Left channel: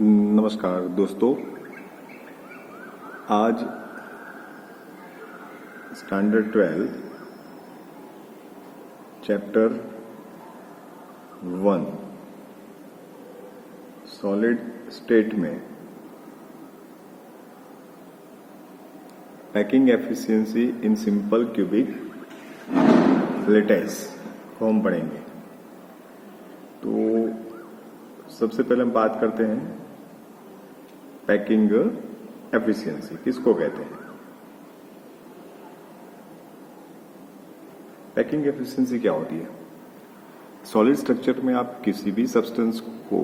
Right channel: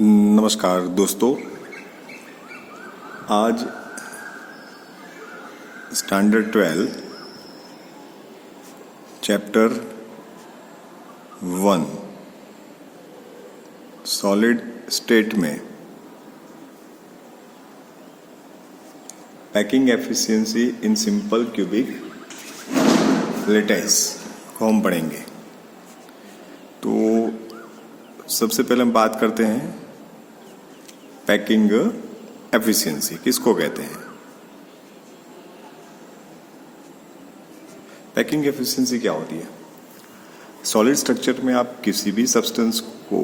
नमस्कार दोस्तों, आज स्टैंडर्ड 12 चैप्टर 1 सॉलिड स्टेट में packing efficiency in simple cubic lattice को हम पढ़ेंगे। तो सबसे पहले हम बात करते हैं पैकिंग एफिशिएंसी किसको कहते हैं। पैकिंग एफिशिएंसी क्या होती है? सॉलिड स्ट्रक्चर में आप किसी भी सब्सटेंस को,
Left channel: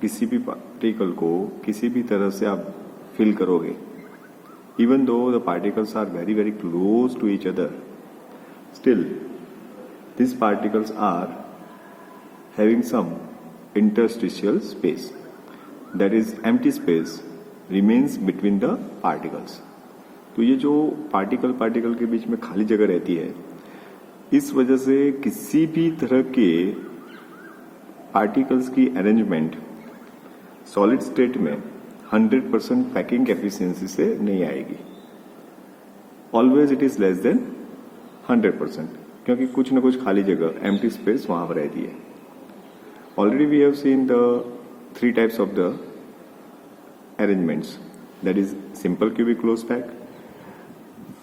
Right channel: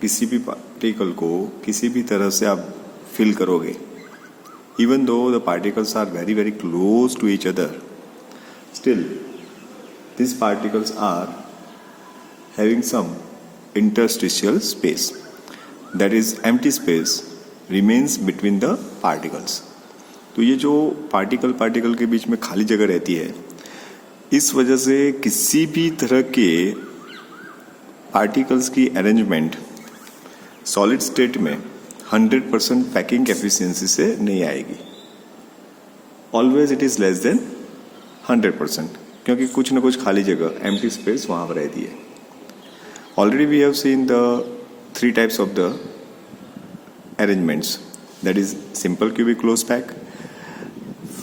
किसी भी पार्टिकल को किसी भी तरह से आप फिल करोगे, even though the particles are very very close to each other, still this particles are having some interstitial space, that is empty space remains between the particles। तो ये जो पार्टिकल के बीच में खाली जगह रहती है, इस वजह से किसी भी तरह के पार्टिकल्स की अरेंजमेंट सॉलिड स्टेट में 100% पैकिंग एफिशिएंसी से नहीं आएगी। Always it is less than 100%, क्योंकि कुछ ना कुछ खाली जगह एम्प्टी स्पेस वहां पर रहती है। Already we have seen the three types of the arrangements, that is simple cubic closed pack,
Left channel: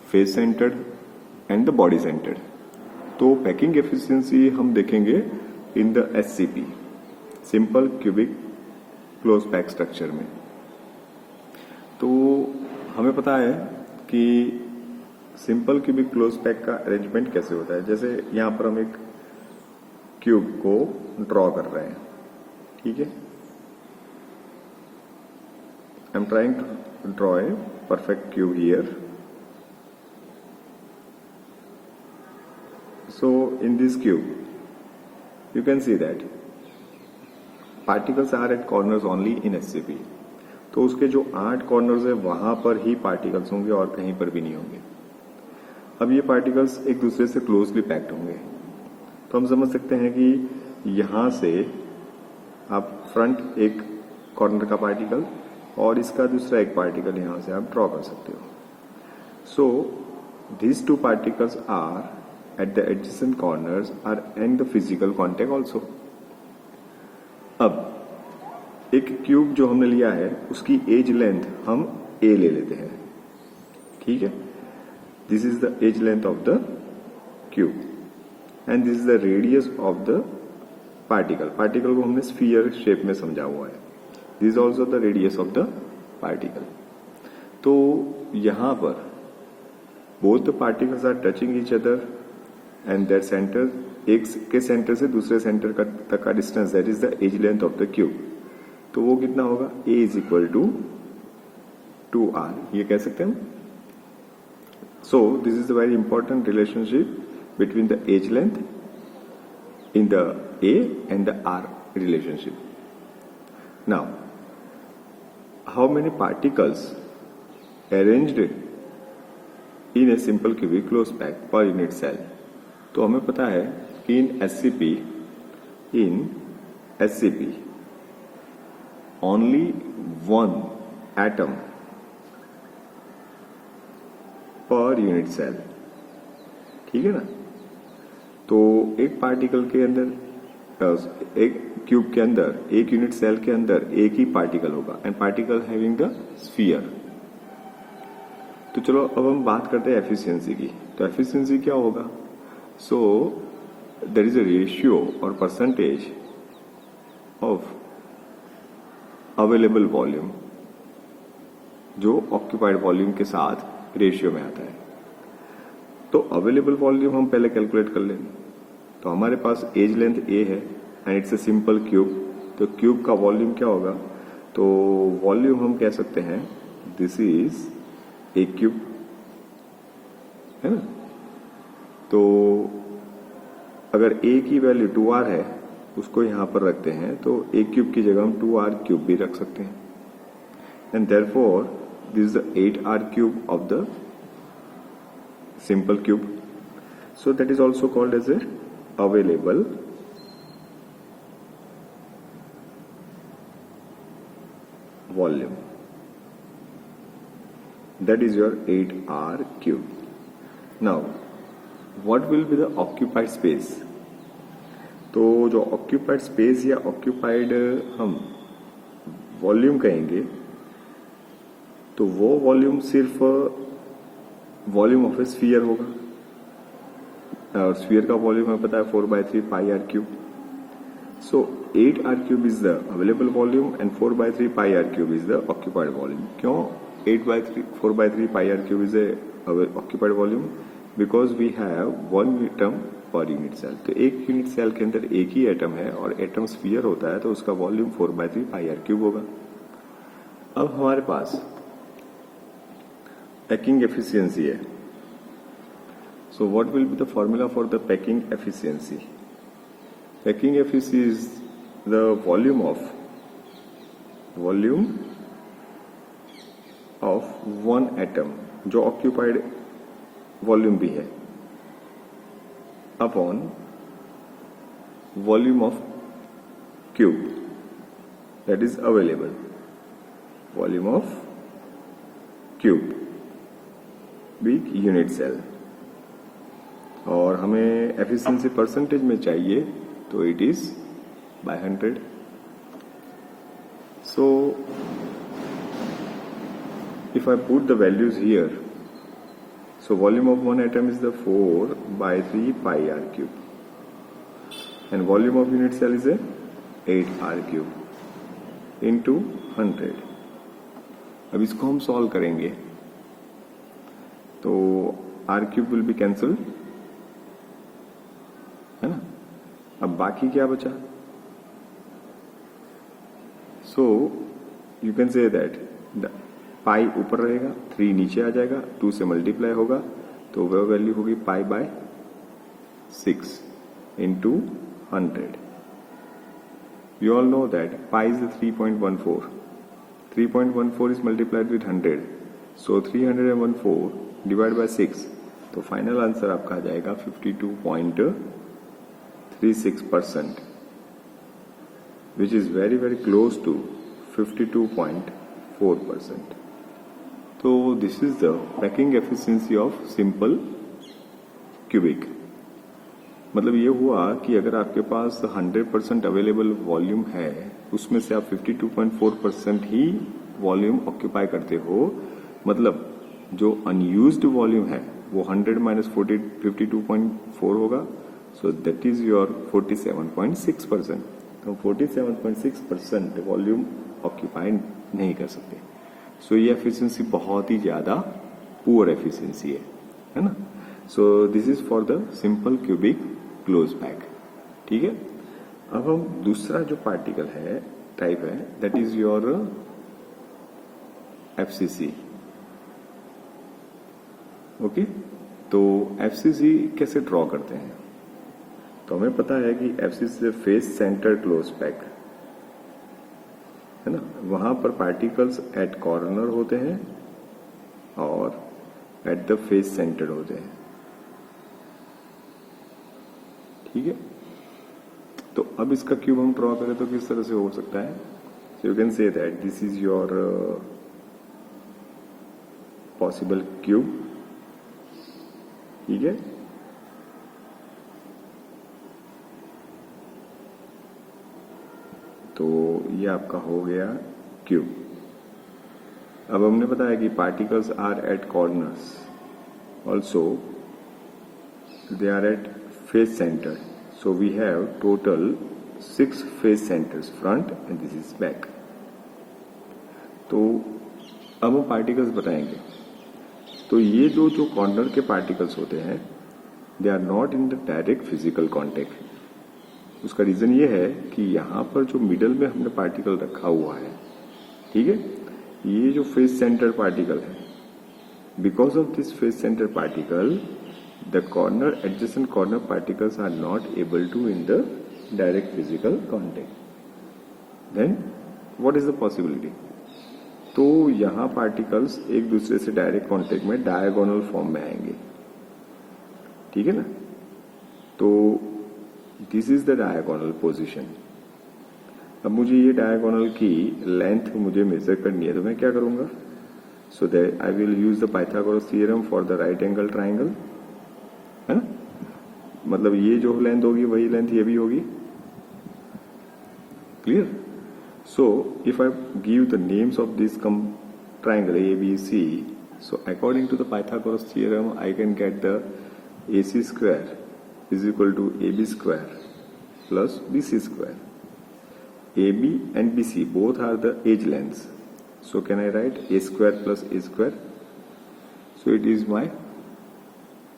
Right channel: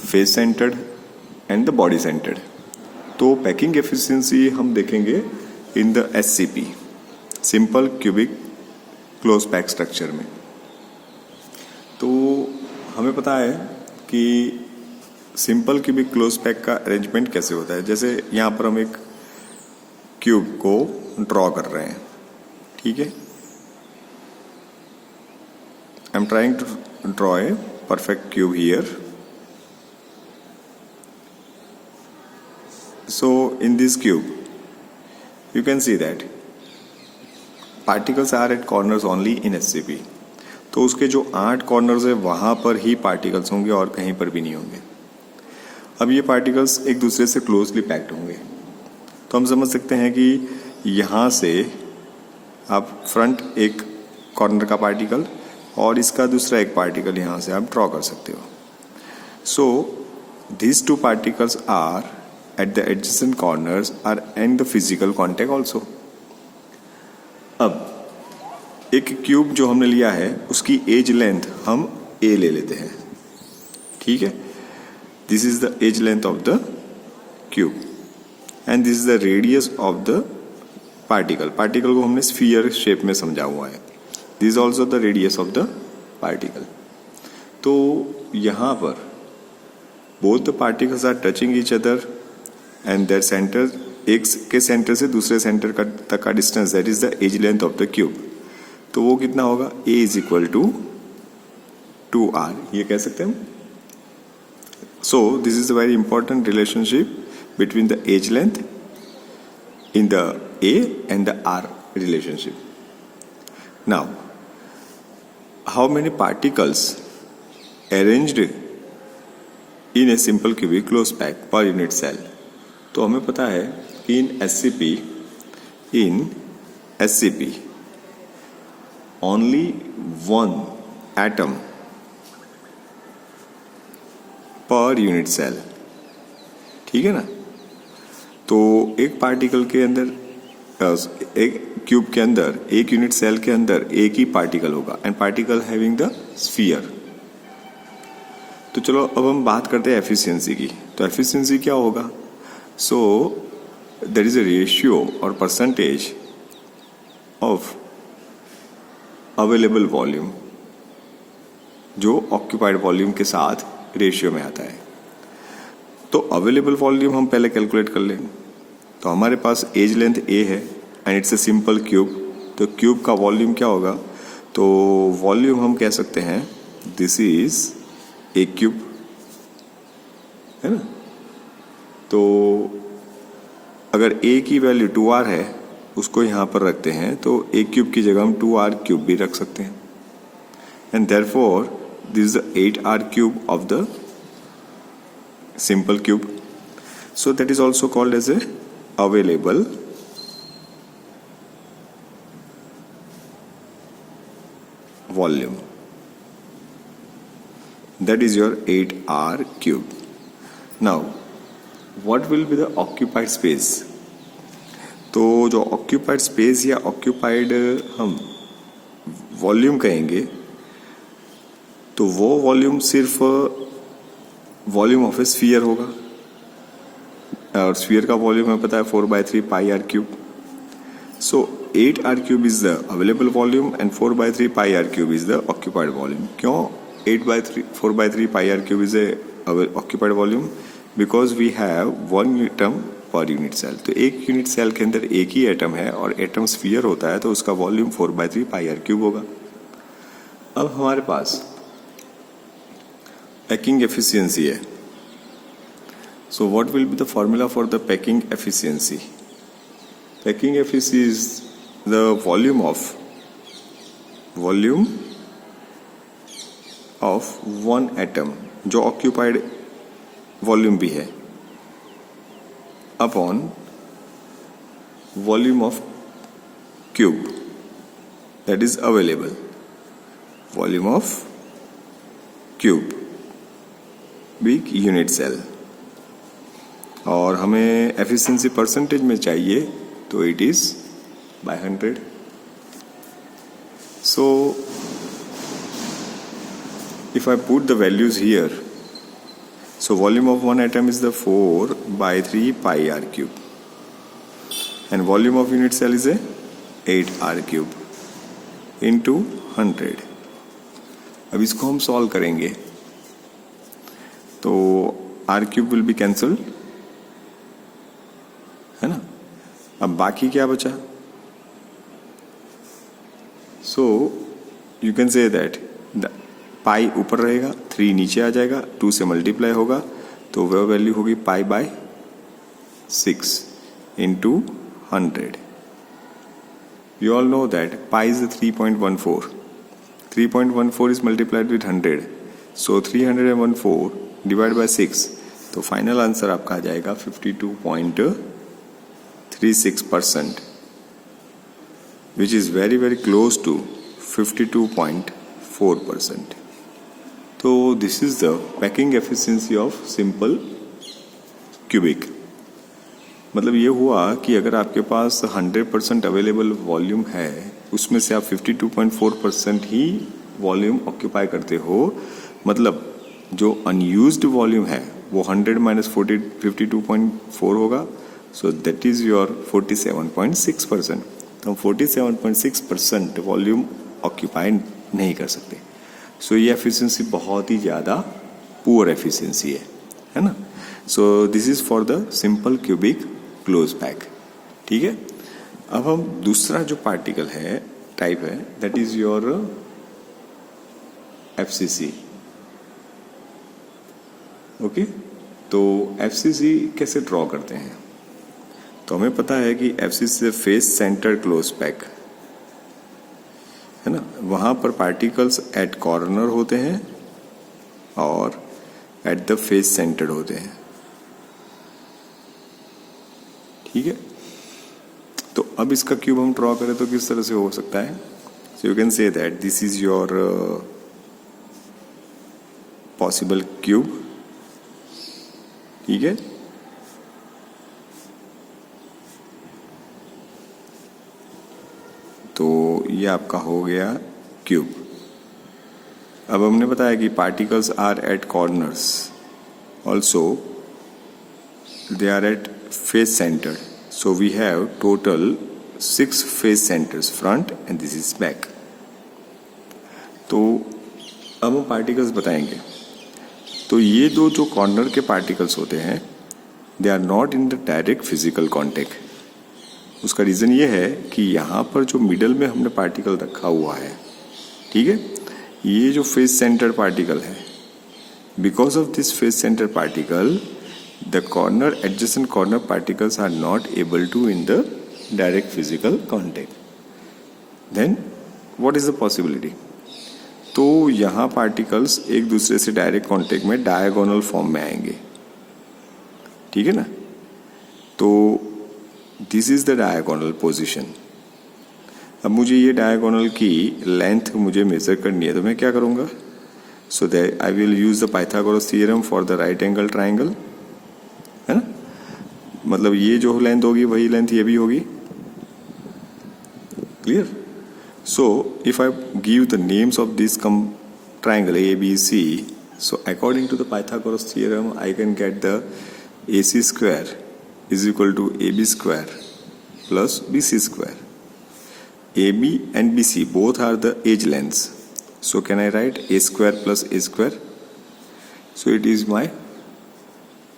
face centered and the body centered। तो पैकिंग एफिशिएंसी हम देखेंगे in the SCP, simple cubic close pack structure में। तो हमें पता है कि simple cubic close pack का अरेंजमेंट कैसे होता है। जैसे यहाँ पर हम एक क्यूब को ड्रॉ कर रहे हैं, ठीक है। I am trying to draw a perfect cube here. So in this cube you can see that particles are at corners only in SCP। तो उसके जो 8 कॉर्नर्स है वहां पर ही पार्टिकल्स होंगे और कहीं पर भी नहीं होंगे। अब ये पार्टिकल्स एक दूसरे से क्लोजली पैक्ड होंगे, तो हम समझ सकते हैं कि यहाँ से आप फ्रंट एक कॉर्नर का पार्टिकल और इसका दूसरा एक पार्टिकल यहाँ से आप ड्रॉ कर सकते हो। सो these two particles are at the adjacent corners are in the physical contact also। अब एक क्यूब जो हमने लिया है उसकी एज लेंथ हम A ले लेते हैं, ठीक है। This is the edge length of the cube and this is the radius of the particle. Particle को हमने स्फीयर शेप में समझा हुआ है। This is also the radius of the particle. तो यहाँ पर both the particles are touching each other and that centre, एक के सेंटर से दूसरे सेंटर का तक का distance, that is the edge length of the cube. तो वो कितना होगा? A is equal to 2R, ये कह सकते हैं। So this is a very important relationship between the edge length in the A and the R relationship. Now, how many particles arranged in a simple cubic closed pack per unit cell? तो हमें पता है in SCP only one atom per unit cell, ठीक है ना। तो एक particle के अंदर, एक क्यूब के अंदर, एक यूनिट सेल के अंदर एक ही पार्टिकल होगा and particle having the sphere. तो चलो अब हम बात करते हैं एफिशिएंसी की। तो एफिशिएंसी क्या होगा? So there is a ratio और परसेंटेज ऑफ अवेलेबल वॉल्यूम जो ऑक्यूपाइड वॉल्यूम के साथ रेशियो में आता है। तो अवेलेबल वॉल्यूम हम पहले कैलकुलेट कर लें। तो हमारे पास एज लेंथ A है and it's a simple cube. तो क्यूब का वॉल्यूम क्या होगा? तो वॉल्यूम हम कह सकते हैं दिस इज ए क्यूब, है ना। तो अगर A की वैल्यू 2R है, उसको यहाँ पर रखते हैं, तो A क्यूब की जगह हम 2R क्यूब भी रख सकते हैं and therefore this is the 8R cube of the simple cube। So that is also called as a available volume. That is your 8r cube. Now, what will be the occupied space? तो जो occupied space या occupied हम volume कहेंगे, तो वो volume सिर्फ volume of A sphere होगा, और स्फीयर का वॉल्यूम हमें पता है 4/3 pi r cube. So 8r cube is the available volume and 4/3 pi r cube is the occupied volume. क्यों 4/3 pi r cube is a occupied volume? Because we have 1 atom per unit cell. तो एक unit cell के अंदर एक ही atom है और atom sphere होता है, तो उसका वॉल्यूम 4/3 पाई आर क्यूब होगा. अब हमारे पास पैकिंग एफिशिएंसी है. So what will be the formula for the packing efficiency? Packing efficiency is the volume of 1 atom, जो ऑक्यूपाइड वॉल्यूम भी है, upon volume of cube that is available. Volume of cube big unit cell. और हमें efficiency percentage में चाहिए, तो it is by 100. So if I put the values here, so volume of one atom is the 4/3 pi r cube, and volume of unit cell is a 8r cube into 100. अब इसको हम solve करेंगे, तो r cube will be cancelled, है ना. अब बाकी क्या बचा? So you can say that the पाई ऊपर रहेगा, 3 नीचे आ जाएगा, 2 से मल्टीप्लाई होगा, तो वह वैल्यू होगी π/6 into 100. You all know that pi is 3.14. 3.14 is multiplied with 100, so 314 divide by 6, तो फाइनल आंसर आपका आ जाएगा 52.36%, which is very very close to 52.4%. तो this is the packing efficiency of simple cubic. मतलब ये हुआ कि अगर आपके पास 100% अवेलेबल वॉल्यूम है, उसमें से आप 52.4% ही वॉल्यूम ऑक्यूपाई करते हो, मतलब जो अनयूज्ड वॉल्यूम है वो 100 माइनस 52.4 होगा. So that is your 47.6%. तो हम 47.6% वॉल्यूम ऑक्यूपाई नहीं कर सकते. सो ये एफिशिएंसी बहुत ही ज़्यादा पुअर एफिशिएंसी है ना. So this is for the simple cubic close pack. ठीक है. अब हम दूसरा जो पार्टिकल है, टाइप है, that is your FCC. Okay. तो एफसीसी कैसे ड्रॉ करते हैं? तो हमें पता है कि FCC face centre close pack है ना. वहाँ पर पार्टिकल्स एट कॉर्नर होते हैं और एट द फेस सेंटर होते हैं. ठीक है. तो अब इसका क्यूब हम ड्रॉ करें तो किस तरह से हो सकता है? So you can say that this is your possible cube. ठीक है. तो ये आपका हो गया क्यूब. अब हमने बताया कि particles are at corners, also they are at face centre. So we have total 6 face centres, front and this is back. तो अब हम पार्टिकल्स बताएंगे. तो ये दो जो कॉर्नर के पार्टिकल्स होते हैं, they are not in the direct physical contact. उसका रीज़न ये है कि यहाँ पर जो मिडल में हमने पार्टिकल रखा हुआ है, ठीक है, ये जो फेस सेंटर पार्टिकल है, because of this face centre particle the corner adjacent corner particles are not able to in the direct physical contact. Then what is the possibility? तो यहाँ पार्टिकल्स एक दूसरे से डायरेक्ट कॉन्टेक्ट में diagonal form में आएंगे. ठीक है ना. तो this is the diagonal position. अब मुझे ये डायगोनल की लेंथ मुझे मेजर करनी है, तो मैं क्या करूँगा? So that I will use the Pythagoras theorem for the right angle triangle, है ना? मतलब ये जो लेंथ होगी वही लेंथ ये भी होगी। Clear? So if I give the names of this triangle ABC, so according to the Pythagoras theorem I can get the AC square is equal to AB square plus BC square. AB and BC both are the edge lengths, so can I write A square plus A square? So it is my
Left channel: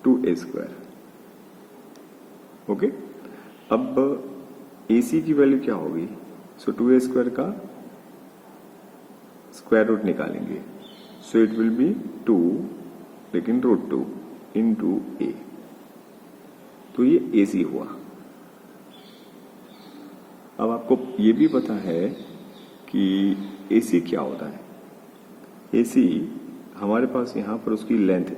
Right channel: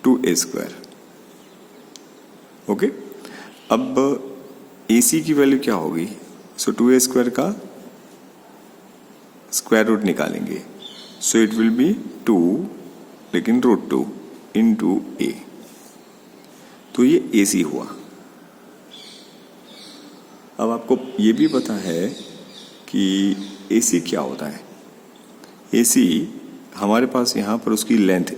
2A square. Okay, अब AC की value क्या होगी? सो 2A square का square root निकालेंगे, so it will be 2 लेकिन √2 into ए, तो ये AC हुआ। अब आपको ये भी पता है कि AC क्या होता है। AC हमारे पास यहाँ पर उसकी लेंथ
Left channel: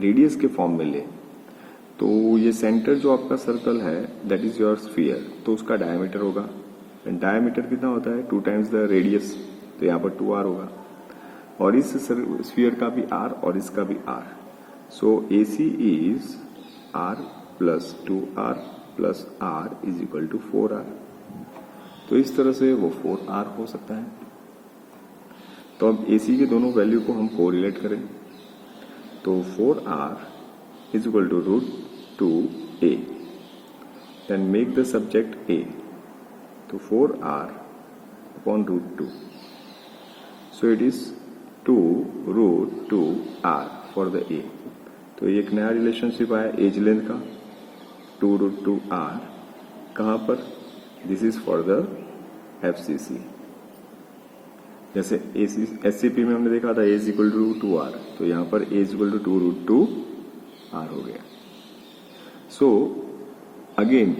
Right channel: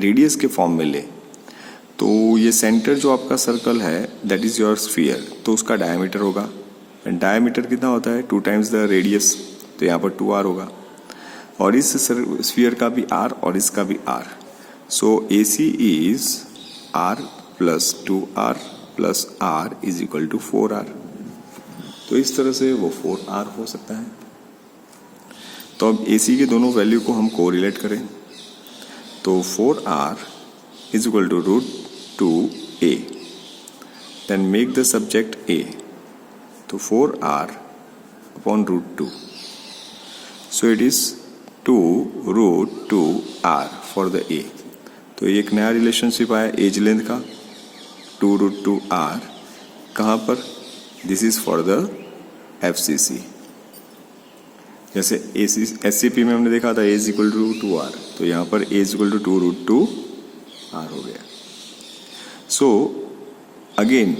रेडियस के फॉर्म में ले, तो ये सेंटर जो आपका सर्कल है दैट इज़ योर स्फीयर, तो उसका डायमीटर होगा। डायमीटर कितना होता है? 2 टाइम्स द रेडियस, तो यहाँ पर 2r होगा। और इस स्फीयर का भी r और इसका भी r, so AC is r plus 2r plus r is equal to 4r। तो इस तरह से वो 4r हो सकता है। तो अब AC के दोनों वैल्यू को हम कोरिलेट करें, तो 4r is equal to √2a, then make the subject a, तो 4r upon √2, so it is 2 √2r for the a। तो एक नया रिलेशनशिप आया एज लेंथ का, 2 √2r, कहाँ पर? This is for the FCC। जैसे SCP में हमने देखा था a is equal to 2r, तो यहाँ पर a is equal to 2 √2r हो गया। So again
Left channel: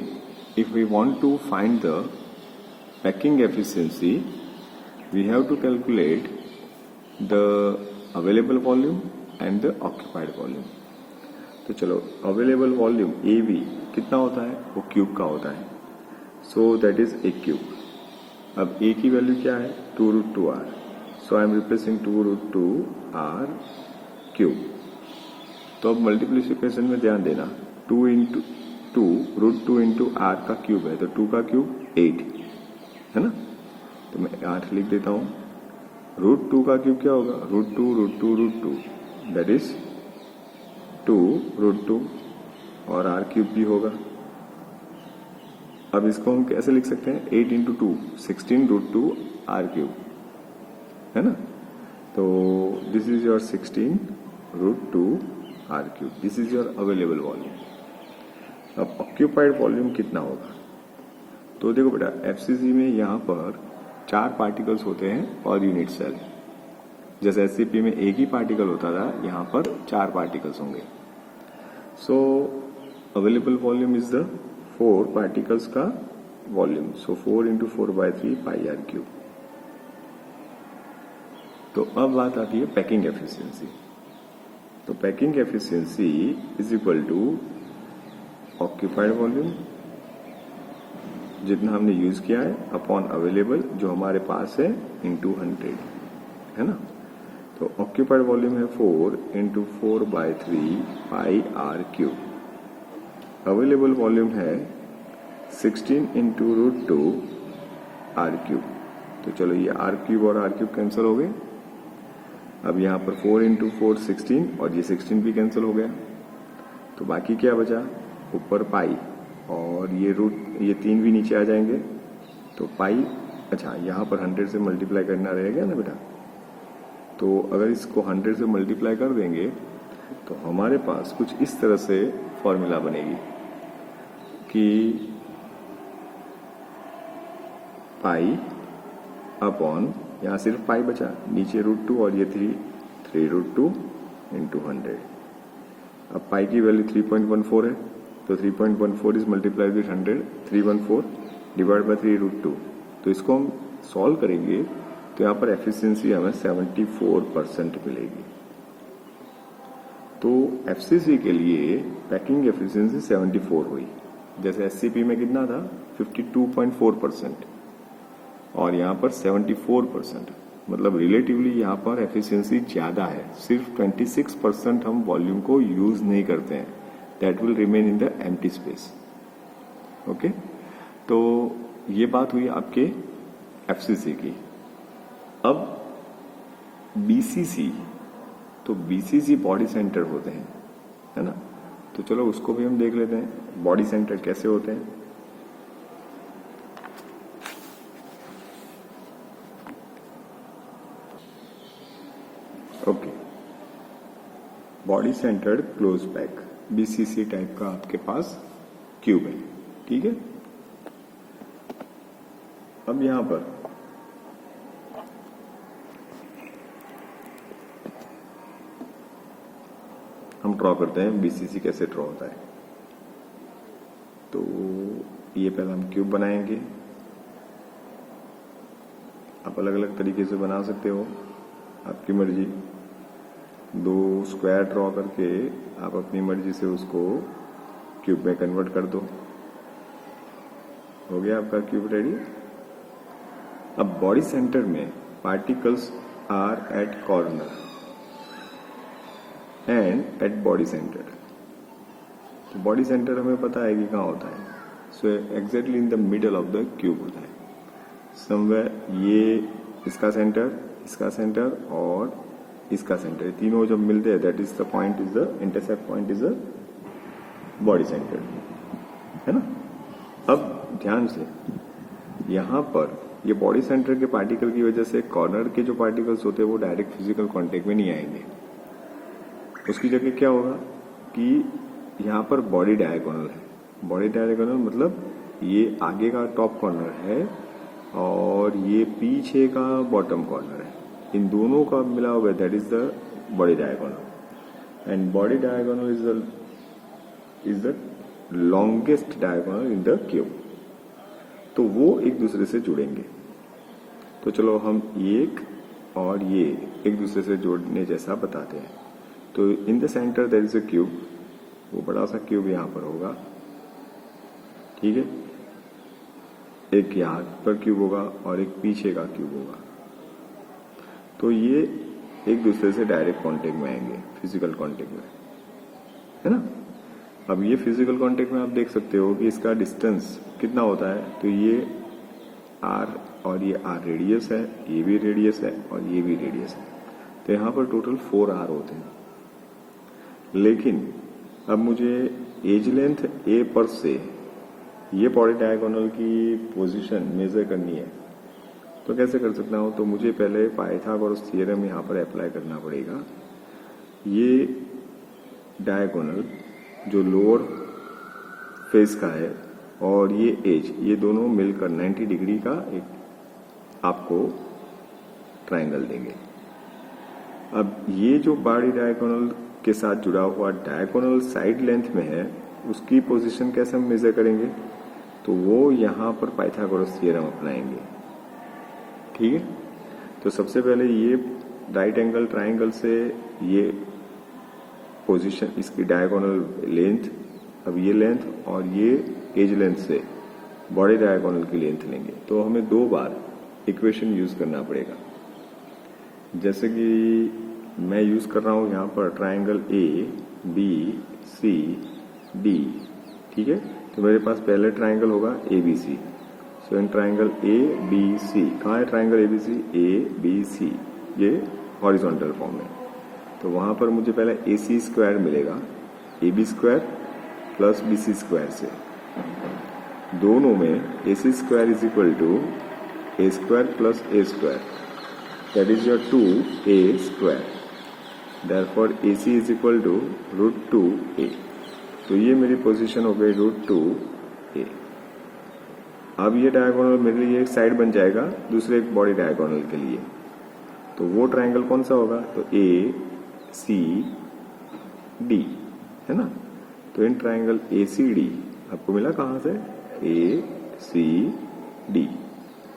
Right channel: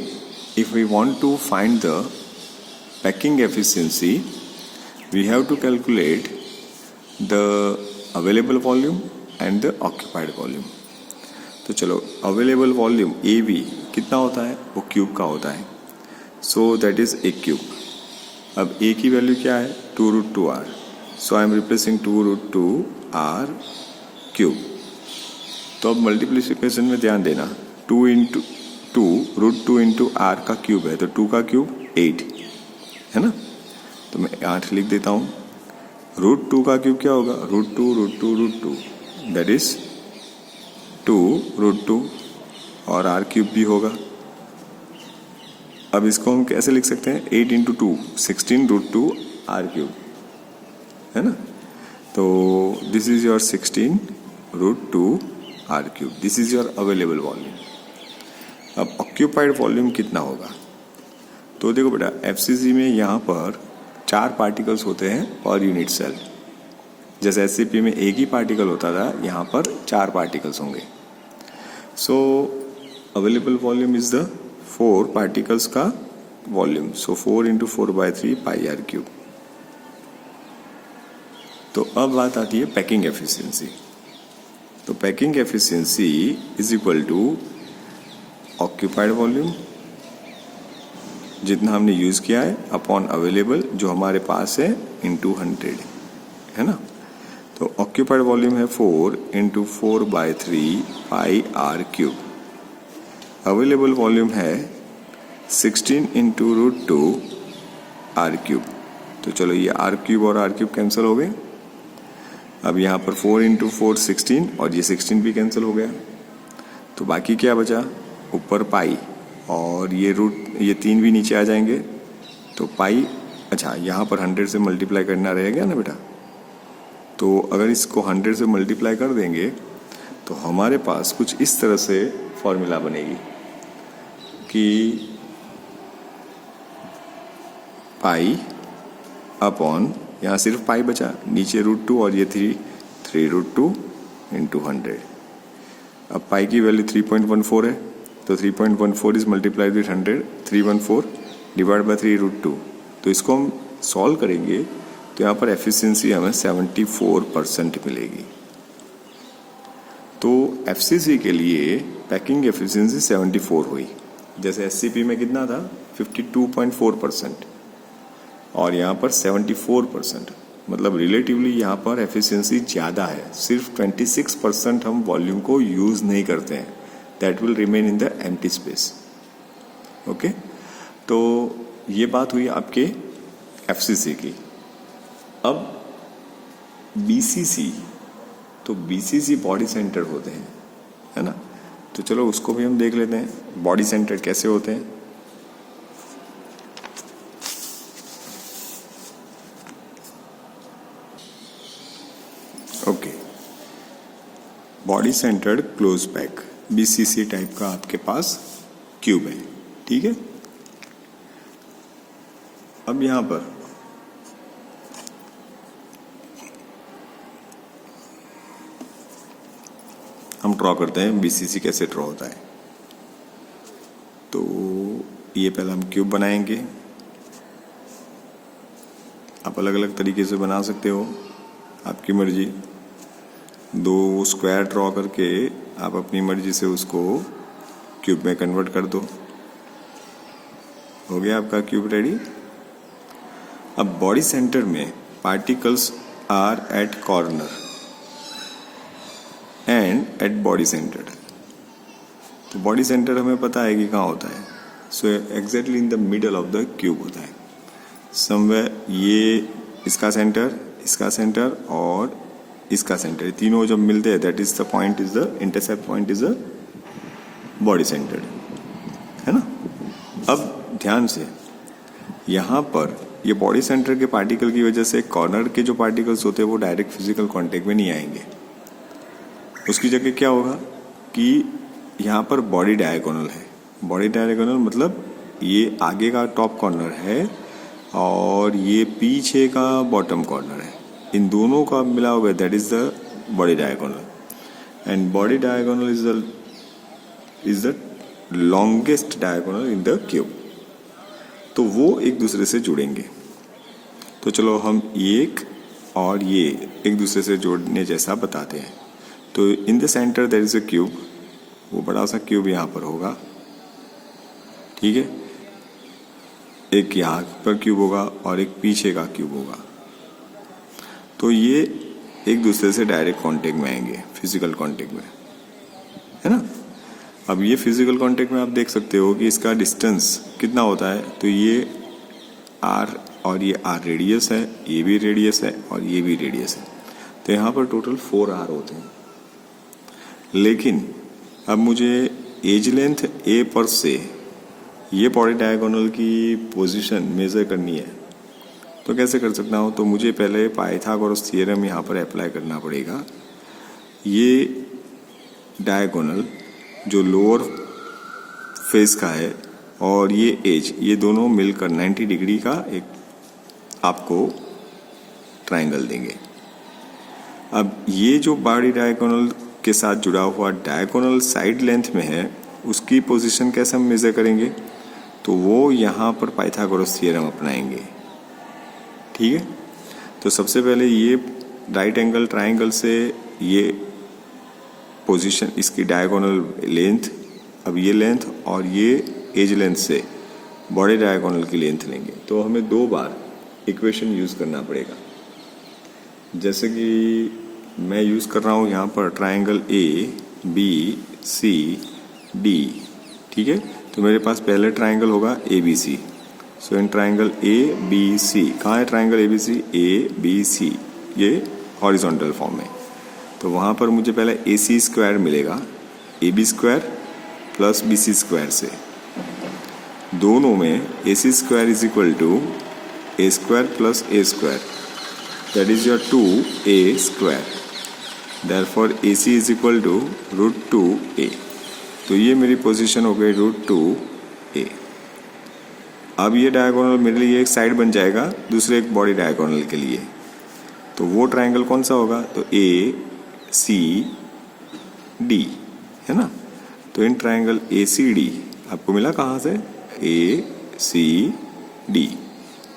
if we want to find the packing efficiency, we have to calculate the available volume and the occupied volume. तो चलो available volume AB कितना होता है? वो क्यूब का होता है, so that is a cube। अब A की वैल्यू क्या है? 2 √2r, so I am replacing 2 √2r cube. तो अब मल्टीप्लिकेशन में ध्यान देना, 2 इंटू 2 √2 इंटू r का क्यूब है, तो 2 का क्यूब 8 है ना, तो मैं 8 लिख देता हूँ। √2 का क्यूब क्या होगा? √2 दैट इज 2 √2 और r क्यूब भी होगा। अब इसको हम कैसे लिख सकते हैं? 8 इंटू 2 16 √2 r क्यूब, है ना। तो this is your 16 √2 r cube, this is your available volume. अब ऑक्यूपाइड वॉल्यूम कितना होगा? तो देखो बेटा, FCC में यहाँ पर 4 पार्टिकल्स होते हैं पर यूनिट सेल। जैसे SCP में एक ही पार्टिकल होता था, यहाँ पर 4 पार्टिकल्स होंगे। So available volume is the 4 particles का volume, so 4 into 4/3 πr cube. तो अब बात आती है पैकिंग एफिशिएंसी। तो packing efficiency is equal to occupied volume जितना हमने यूज़ किया है अपॉन अवेलेबल जो हमारे पास है इंटू 100, है ना। तो ऑक्यूपाइड वॉल्यूम है 4 into 4/3 πr cube. Available volume है 16 इंटू √2 r क्यूब। तो चलो ये r क्यूब और r क्यूब कैंसिल हो गए। अब यहाँ पर 4 इंटू 4 16 और ये 16 भी कैंसिल हो गया। तो बाकी क्या बचा? ऊपर पाई और ये ये 3 भी नीचे आ जाएंगे, तो पाई। अच्छा, यहाँ पर 100 से मल्टीप्लाई करना रहेगा ना बेटा। तो अगर इसको 100 से मल्टीप्लाई कर देंगे तो हमारे पास कुछ इस तरह से फॉर्मूला बनेगी कि पाई अपॉन, यहाँ सिर्फ पाई बचा, नीचे √2 और ये 3 √2 इंटू 100। अब पाई की वैल्यू 3.14 है, तो 3.14 is multiplied with 100, 314 divide bye 3 √2। तो इसको हम सॉल्व करेंगे तो यहाँ पर एफिशिएंसी हमें 74% मिलेगी। तो FCC के लिए पैकिंग एफिशिएंसी 74 हुई। जैसे SCP में कितना था? 52.4%। और यहाँ पर 74%, मतलब रिलेटिवली यहाँ पर एफिशिएंसी ज़्यादा है। सिर्फ 26% हम वॉल्यूम को यूज़ नहीं करते हैं, that will remain in the empty space. Okay, तो ये बात हुई आपके एफसीसी की। अब बीसीसी, तो बीसीसी बॉडी सेंटर होते हैं, है ना। तो चलो उसको भी हम देख लेते हैं, बॉडी सेंटर कैसे होते हैं। Okay, body centred close pack BCC type का आपके पास क्यूब है, ठीक है। अब यहां पर हम ड्रॉ करते हैं बीसीसी कैसे ड्रॉ होता है। तो ये पहले हम क्यूब बनाएंगे। आप अलग अलग तरीके से बना सकते हो, आपकी मर्जी। 2 स्क्वायर ड्रॉ करके आप अपनी मर्जी से उसको क्यूब में कन्वर्ट कर दो। हो गया आपका क्यूब रेडी। अब बॉडी सेंटर में particles are at corner and at body centre. तो बॉडी सेंटर हमें पता है कि कहाँ होता है। So exactly in the middle of the cube होता है समवेयर। ये इसका सेंटर और इसका सेंटर, ये तीनों जब मिलते हैं that is the point, is the intercept point, is the body centre, है ना। अब ध्यान से, यहाँ पर ये बॉडी सेंटर के पार्टिकल की वजह से कॉर्नर के जो पार्टिकल्स होते हैं वो डायरेक्ट फिजिकल कांटेक्ट में नहीं आएंगे। उसकी जगह क्या होगा कि यहाँ पर बॉडी डायगोनल है। बॉडी डायगोनल मतलब ये आगे का टॉप कॉर्नर है और ये पीछे का बॉटम कॉर्नर है। इन दोनों का मिला हुआ that is the body diagonal. And body diagonal is the longest diagonal in the cube. तो वो एक दूसरे से जुड़ेंगे। तो चलो हम एक और ये एक दूसरे से जोड़ने जैसा बताते हैं। तो in the centre there is a cube, वो बड़ा सा क्यूब यहाँ पर होगा, ठीक है। एक यहाँ पर क्यूब होगा और एक पीछे का क्यूब होगा। तो ये एक दूसरे से डायरेक्ट कांटेक्ट में आएंगे, फिजिकल कांटेक्ट में, है ना। अब ये फिजिकल कांटेक्ट में आप देख सकते हो कि इसका डिस्टेंस कितना होता है। तो ये आर और ये आर रेडियस है, ये भी रेडियस है और ये भी रेडियस है। तो यहाँ पर टोटल 4 आर होते हैं। लेकिन अब मुझे एज लेंथ ए पर से ये बॉडी डायगोनल की पोजीशन मेजर करनी है। तो कैसे कर सकता हूँ? तो मुझे पहले पाइथागोरस थ्योरम यहाँ पर अप्लाई करना पड़ेगा। ये डायगोनल जो लोअर फेस का है और ये एज, ये दोनों मिलकर 90 डिग्री का एक आपको ट्रायंगल देंगे। अब ये जो बॉडी डायगोनल के साथ जुड़ा हुआ डायगोनल साइड लेंथ में है, उसकी पोजीशन कैसे हम मेजर करेंगे? तो वो यहाँ पर पाइथागोरस थ्योरम अपनाएंगे, ठीक है। तो सबसे पहले ये राइट एंगल ट्रायंगल से ये पोजीशन, इसकी डायगोनल लेंथ, अब ये लेंथ और ये एज लेंथ से बॉडी डायगोनल की लेंथ लेंगे। तो हमें 2 बार इक्वेशन यूज़ करना पड़ेगा। जैसे कि मैं यूज़ कर रहा हूँ यहाँ पर triangle A B C D, ठीक है। तो मेरे पास पहले ट्रायंगल होगा A B C. So in triangle A B C, कहाँ है triangle A B C? A B C, ये हॉरिजॉन्टल फॉर्म में। तो वहाँ पर मुझे पहले ए सी स्क्वायर मिलेगा, A B square plus B C square से। दोनों में A C square is equal to A square plus A square, that is your 2a square. Therefore AC is equal to √2a। तो ये मेरी position हो गई √2a। अब ये डायगोनल मेरे लिए एक साइड बन जाएगा दूसरे एक बॉडी डायगोनल के लिए। तो वो ट्रायंगल कौन सा होगा? तो ACD, है ना। तो इन ट्रायंगल ACD आपको मिला कहाँ से? ACD।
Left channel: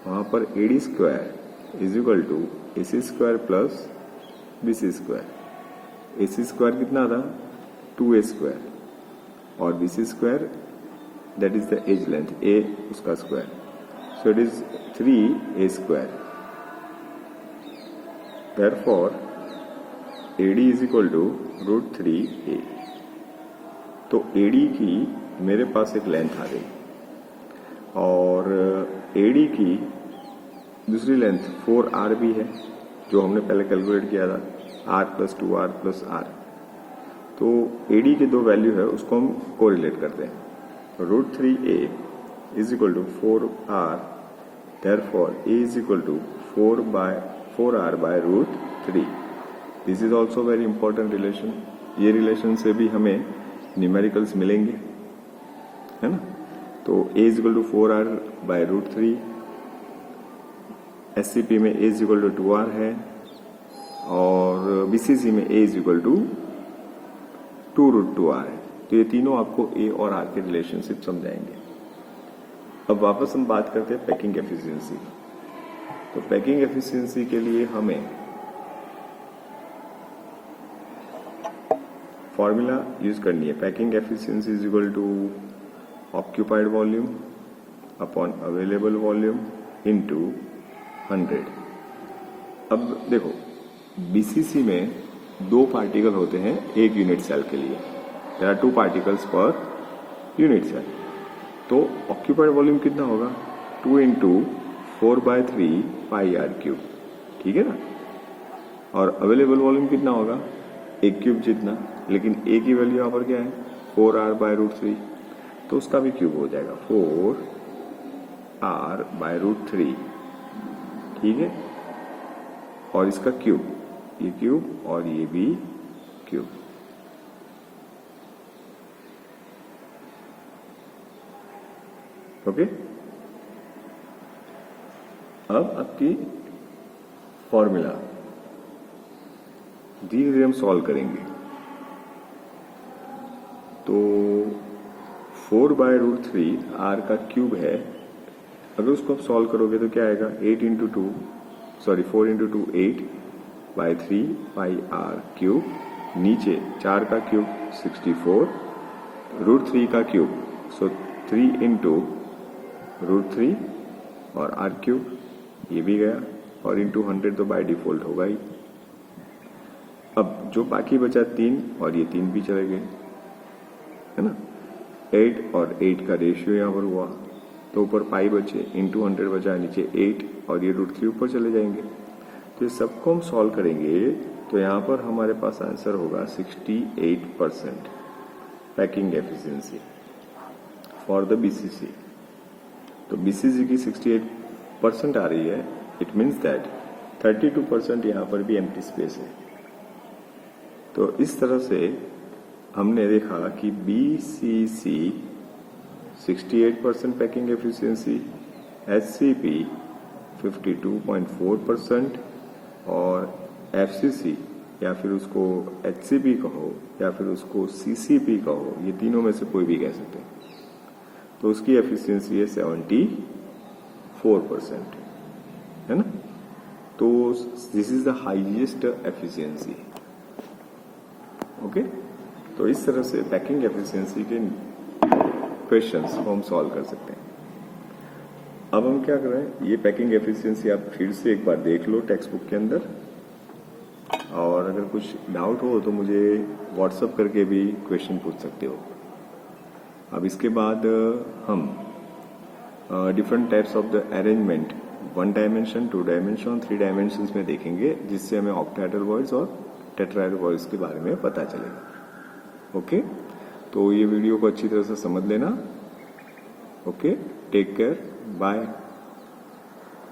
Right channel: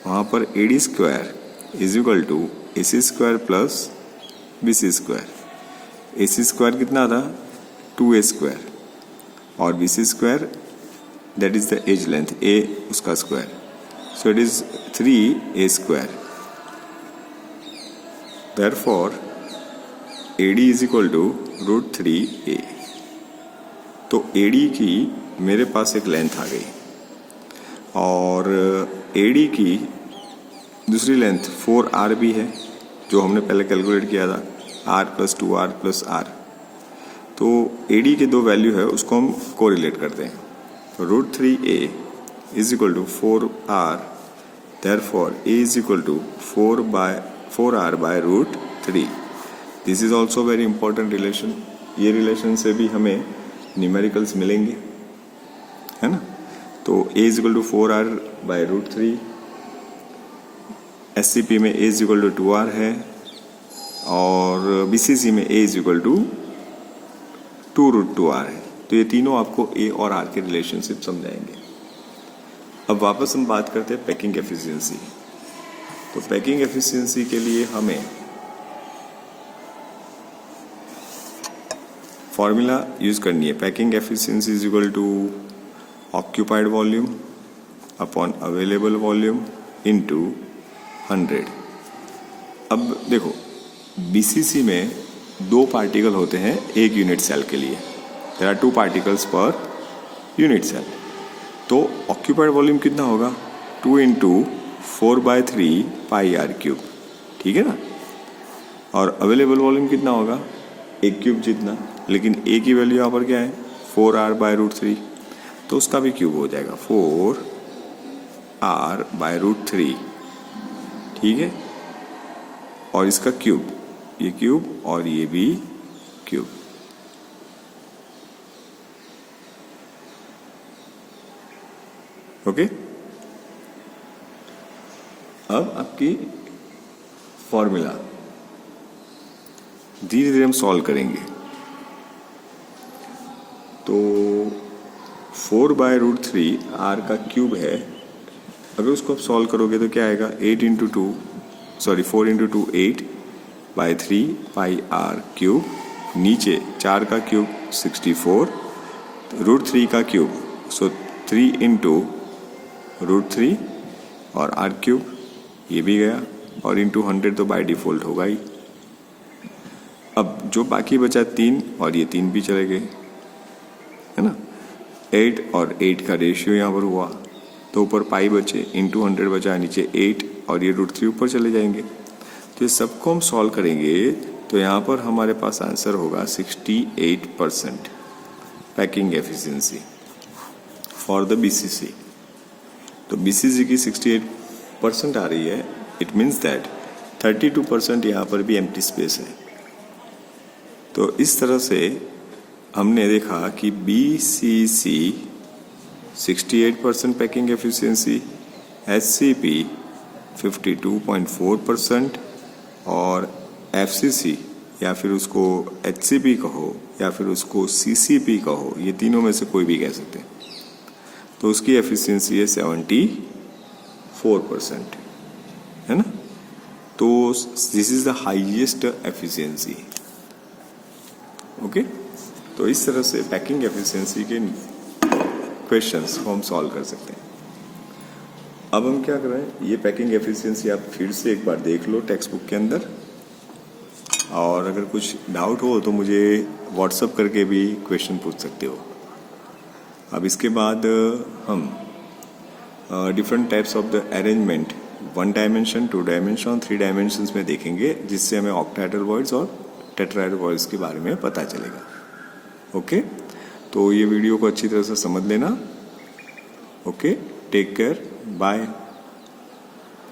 वहाँ पर AD square is equal to AC square plus BC square. AC square कितना था? 2A स्क्वायर और BC square that is the edge length, A उसका square. So it is 3a square. Therefore, AD is equal to √3a. तो AD की मेरे पास एक length आ गई और AD की दूसरी लेंथ 4r भी है जो हमने पहले कैलकुलेट किया था, r + 2r + r. तो AD के दो वैल्यू है उसको हम कोरिलेट करते हैं. तो √3a is equal to 4r. Therefore, a is equal to 4r by √3. This is also very important relation. ये रिलेशन से भी हमें न्यूमेरिकल्स मिलेंगे, है ना. तो a is equal to 4r by √3. SCP में a is equal to 2r है और BCC में a is equal to 2√2r है. तो ये तीनों आपको a और r के रिलेशनशिप समझाएंगे. अब वापस हम बात करते हैं पैकिंग एफिशिएंसी. तो पैकिंग एफिशिएंसी के लिए हमें फॉर्मूला यूज करनी है. Packing efficiency is equal to occupied volume upon available volume into 100. अब देखो BCC में 2 पार्टिकल होते हैं एक यूनिट सेल के लिए. There are 2 particles per unit cell. तो ऑक्यूपाइड वॉल्यूम कितना होगा? 2 × 4/3 πr³. ठीक है ना. और अवेलेबल वॉल्यूम कितना होगा? 1 क्यूब जितना. लेकिन a की वैल्यू यहाँ पर क्या है? 4r by √3. तो उसका भी क्यूब हो जाएगा 4r by √3. ठीक है. और इसका क्यूब, ये क्यूब और ये भी क्यूब. ओके. अब आपकी फॉर्मूला धीरे धीरे हम सॉल्व करेंगे. तो 4/√3 r का क्यूब है. अगर उसको आप सॉल्व करोगे तो क्या आएगा? 4 × 2 8/3 πr³. नीचे 4 का क्यूब 64, √3 का क्यूब, सो 3 × √3 और r³ ये भी गया और इंटू 100 तो बाय डिफ़ॉल्ट होगा ही. अब जो बाकी बचा 3 और ये 3 भी चले गए, है ना. 8 और 8 का रेशियो यहाँ पर हुआ तो ऊपर पाई बचे, इंटू 100 बचा, नीचे 8 और ये √3 ऊपर चले जाएंगे. तो ये सबको हम सॉल्व करेंगे तो यहाँ पर हमारे पास आंसर होगा 68% packing efficiency for the BCC. तो BCC की 68% आ रही है. इट मीन्स दैट 32% यहाँ पर भी एम्प्टी स्पेस है. तो इस तरह से हमने देखा कि BCC 68% पैकिंग एफिशिएंसी, SCP 52.4% और FCC या फिर उसको HCP कहो या फिर उसको CCP कहो, ये तीनों में से कोई भी कह सकते हैं. तो उसकी एफिशिएंसी है 74%, है ना. तो this is the highest efficiency. Okay. तो इस तरह से पैकिंग एफिशिएंसी के क्वेश्चंस को हम सॉल्व कर सकते हैं. अब हम क्या कर रहे हैं, ये पैकिंग एफिशिएंसी आप फिर से एक बार देख लो टेक्स्ट बुक के अंदर, और अगर कुछ डाउट हो तो मुझे व्हाट्सएप करके भी क्वेश्चन पूछ सकते हो. अब इसके बाद हम different types of the arrangement 1 dimension, 2 dimension, 3 dimensions में देखेंगे, जिससे हमें ऑक्टाहेड्रल वर्ड्स और टेट्राहेड्रल वर्ड्स के बारे में पता चलेगा. ओके. तो ये वीडियो को अच्छी तरह से समझ लेना. ओके. Take care. बाय.